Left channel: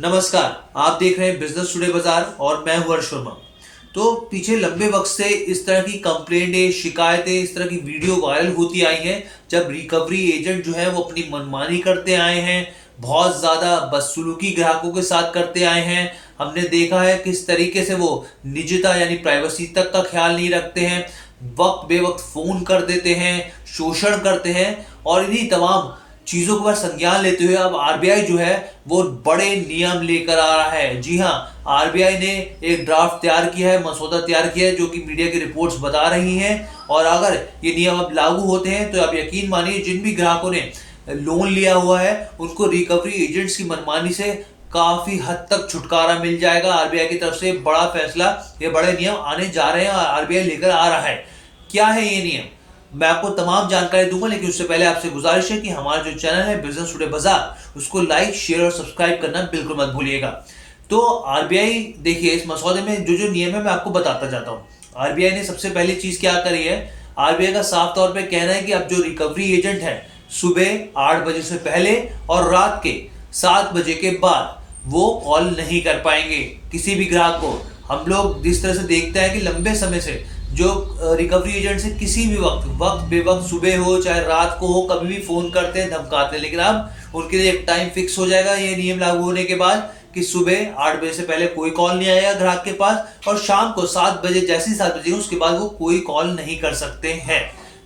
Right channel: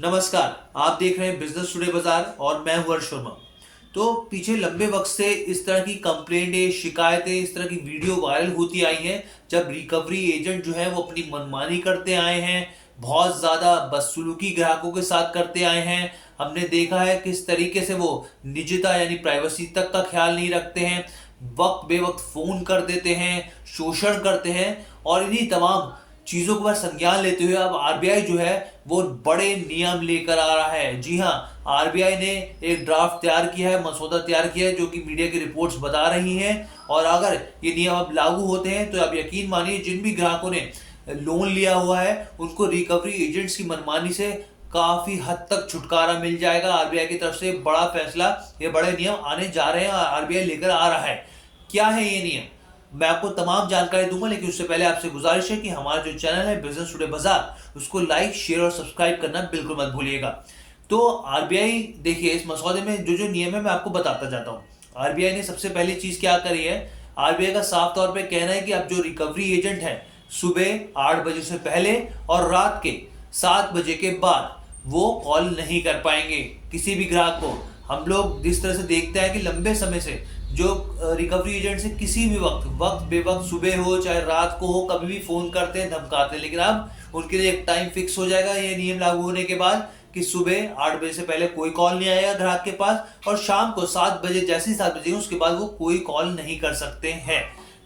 नमस्कार, आप देख रहे हैं बिजनेस टुडे बाजार और मैं हूं हर्ष वर्मा। तो पीछे लंबे वक्त से इस तरह की कंप्लेंटें, शिकायतें, इस तरह की वीडियो वायरल होती आई हैं जब रिकवरी एजेंट जो है वो अपनी मनमानी करते आए हैं, बहुत ज्यादा बदसलूकी ग्राहकों के साथ करते आए हैं। हमने देखा है किस तरीके से वो निजता यानी प्राइवेसी तक का ख्याल नहीं रखते हैं, वक्त बेवक्त फोन कर देते हैं, शोषण करते हैं और इन्हीं तमाम चीजों पर संज्ञान लेते हुए अब आरबीआई जो है वो बड़े नियम लेकर आ रहा है। जी हाँ, आरबीआई ने एक ड्राफ्ट तैयार किया है, मसौदा तैयार किया है जो कि मीडिया की रिपोर्ट्स बता रही हैं। और अगर ये नियम अब लागू होते हैं तो आप यकीन मानिए जिन भी ग्राहकों ने लोन लिया हुआ है उनको रिकवरी एजेंट्स की मनमानी से काफी हद तक छुटकारा मिल जाएगा। आरबीआई की तरफ से बड़ा फैसला, ये बड़े नियम आने जा रहे हैं और आरबीआई लेकर आ रहा है। क्या है ये नियम, मैं आपको तमाम जानकारी दूंगा, लेकिन उससे पहले आपसे गुजारिश है कि हमारा जो चैनल है बिजनेस टुडे बाजार उसको लाइक, शेयर और सब्सक्राइब करना बिल्कुल मत भूलिएगा। तो आरबीआई देखिए, इस मसौदे में जो जो नियम है मैं आपको बताता जाता हूँ। आरबीआई ने सबसे पहली चीज क्या करी है, आरबीआई का साफ तौर पे कहना है कि अब जो रिकवरी एजेंट है सुबह 8 बजे से पहले और रात के 7 बजे के बाद वो कॉल नहीं कर पाएंगे किसी भी ग्राहक को। हम लोग जिस तरह से देखते हैं कि लंबे समय से जो रिकवरी एजेंट से किसी भी वक्त बेवक्त सुबह हो चाहे रात को हो कभी भी फोन करते हैं, धमकाते हैं, लेकिन अब उनके लिए एक टाइम फिक्स हो जाएगा ये नियम लागू होने के बाद कि सुबह 8 बजे से पहले कोई कॉल नहीं आएगा ग्राहक के पास और शाम को 7 बजे, जैसे ही 7 बजे उसके बाद वो कोई कॉल नहीं कर सकते हैं।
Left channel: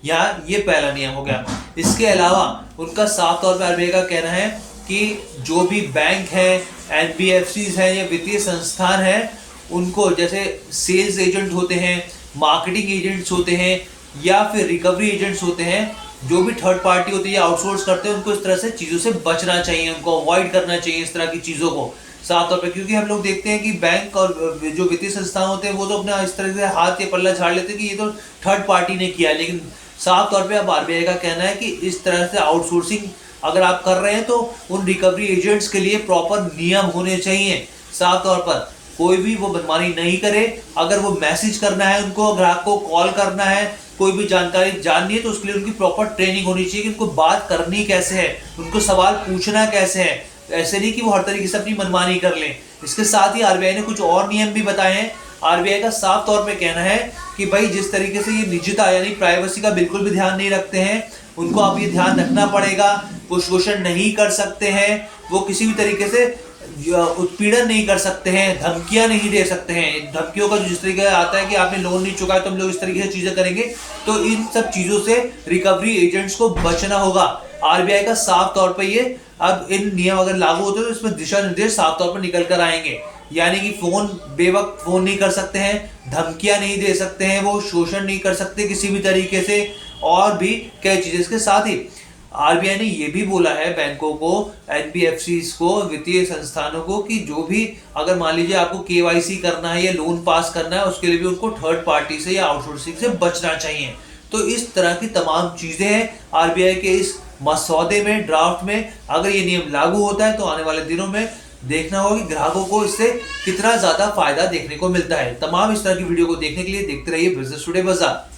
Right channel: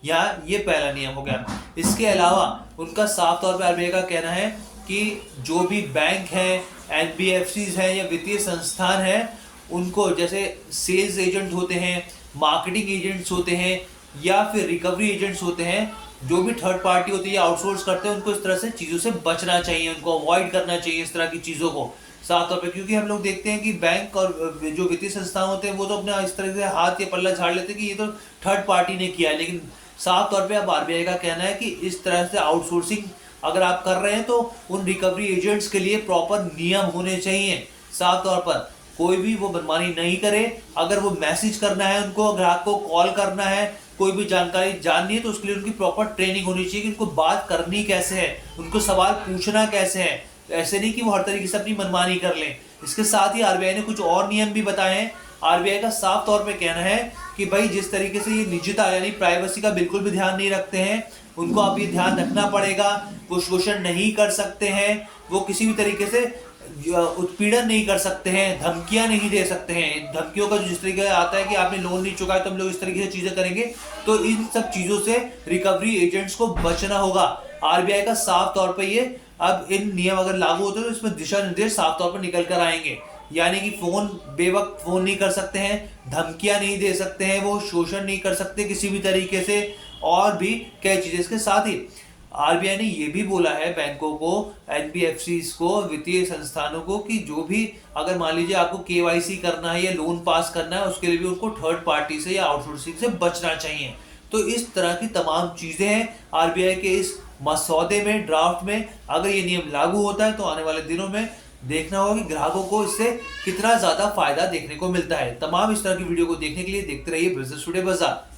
यहाँ ये पहला नियम हो गया। इसके अलावा उनका साफ तौर पर आरबीआई का कहना है कि जो भी बैंक है, एनबीएफसी है या वित्तीय संस्थान है, उनको जैसे सेल्स एजेंट होते हैं, मार्केटिंग एजेंट्स होते हैं या फिर रिकवरी एजेंट्स होते हैं, जो भी थर्ड पार्टी होती है या आउटसोर्स करते हैं, उनको इस तरह से चीजों से बचना चाहिए, उनको अवॉइड करना चाहिए इस तरह की चीजों को साफ तौर पे। क्योंकि हम लोग देखते हैं कि बैंक और जो वित्तीय संस्थान होते हैं वो तो अपना इस तरह से हाथ या पल्ला झाड़ लेते हैं कि ये तो थर्ड पार्टी ने किया, लेकिन साफ तौर पे अब आरबीआई का कहना है कि इस तरह से आउटसोर्सिंग अगर आप कर रहे हैं तो उन रिकवरी एजेंट्स के लिए प्रॉपर नियम होने चाहिए। साफ तौर पर कोई भी वो मनमानी नहीं करे। अगर वो मैसेज करना है, उनको ग्राहक को कॉल करना है, कोई भी जानकारी जाननी है तो उसके लिए उनकी प्रॉपर ट्रेनिंग होनी चाहिए कि उनको बात करनी कैसे है, उनको सवाल पूछना कैसे है। ऐसे नहीं कि वो हर तरीके से अपनी मनमानी कर लें। इसके साथ ही आरबीआई ने कुछ और नियम भी बताए हैं। आरबीआई का साफ तौर पे कहना है कि भाई जिस तरीके से ये निजता यानी प्राइवेसी का बिल्कुल भी ध्यान नहीं रखते हैं, उनको अब ये ध्यान रखना पड़ेगा। वो शोषण नहीं कर सकते हैं, वो किसी भी तरीके से उत्पीड़न नहीं कर सकते हैं, धमकियां नहीं दे सकते हैं। धमकियों का जिस तरीके आता है कि आपने लोन नहीं चुकाया तो हम लोग इस तरीके से चीजें करेंगे, तो इन सब चीजों से रिकवरी एजेंट्स को बचना होगा। आरबीआई का साफ तौर पर ये अब इन नियम अगर लागू होते हैं तो इसमें दिशा निर्देश साफ तौर पर निकल कर आएंगे। यानी कि फोन बेवक्त फोन नहीं कर सकते हैं, धमकियां नहीं दे सकते हैं, वो शोषण नहीं कर सकते किसी भी तरीके से, और भी कई चीजें। इसके साथ ही आरबीआई ने यह भी बोला है बैंकों को, एनबीएफसी को, वित्तीय संस्थानों को कि जो भी अगर मान लीजिए आपको केवाईसी करना है या लोन पास करना है, उसके लिए भी उनको थर्ड पार्टी से या आउटसोर्सिंग से बचना चाहिए। तो इस तरह की तमाम चीजें हैं आरबीआई के इस मसौदे में, ड्राफ्ट में। अगर ये नियम लागू होता है तो आने वाले दिनों में देखना होगा कि ग्राहकों को इससे कितना ज्यादा फायदा देखने को मिलता है। तमाम इस तरह की वीडियो को देखने के लिए देखते रहिए बिजनेस टुडे बाजार।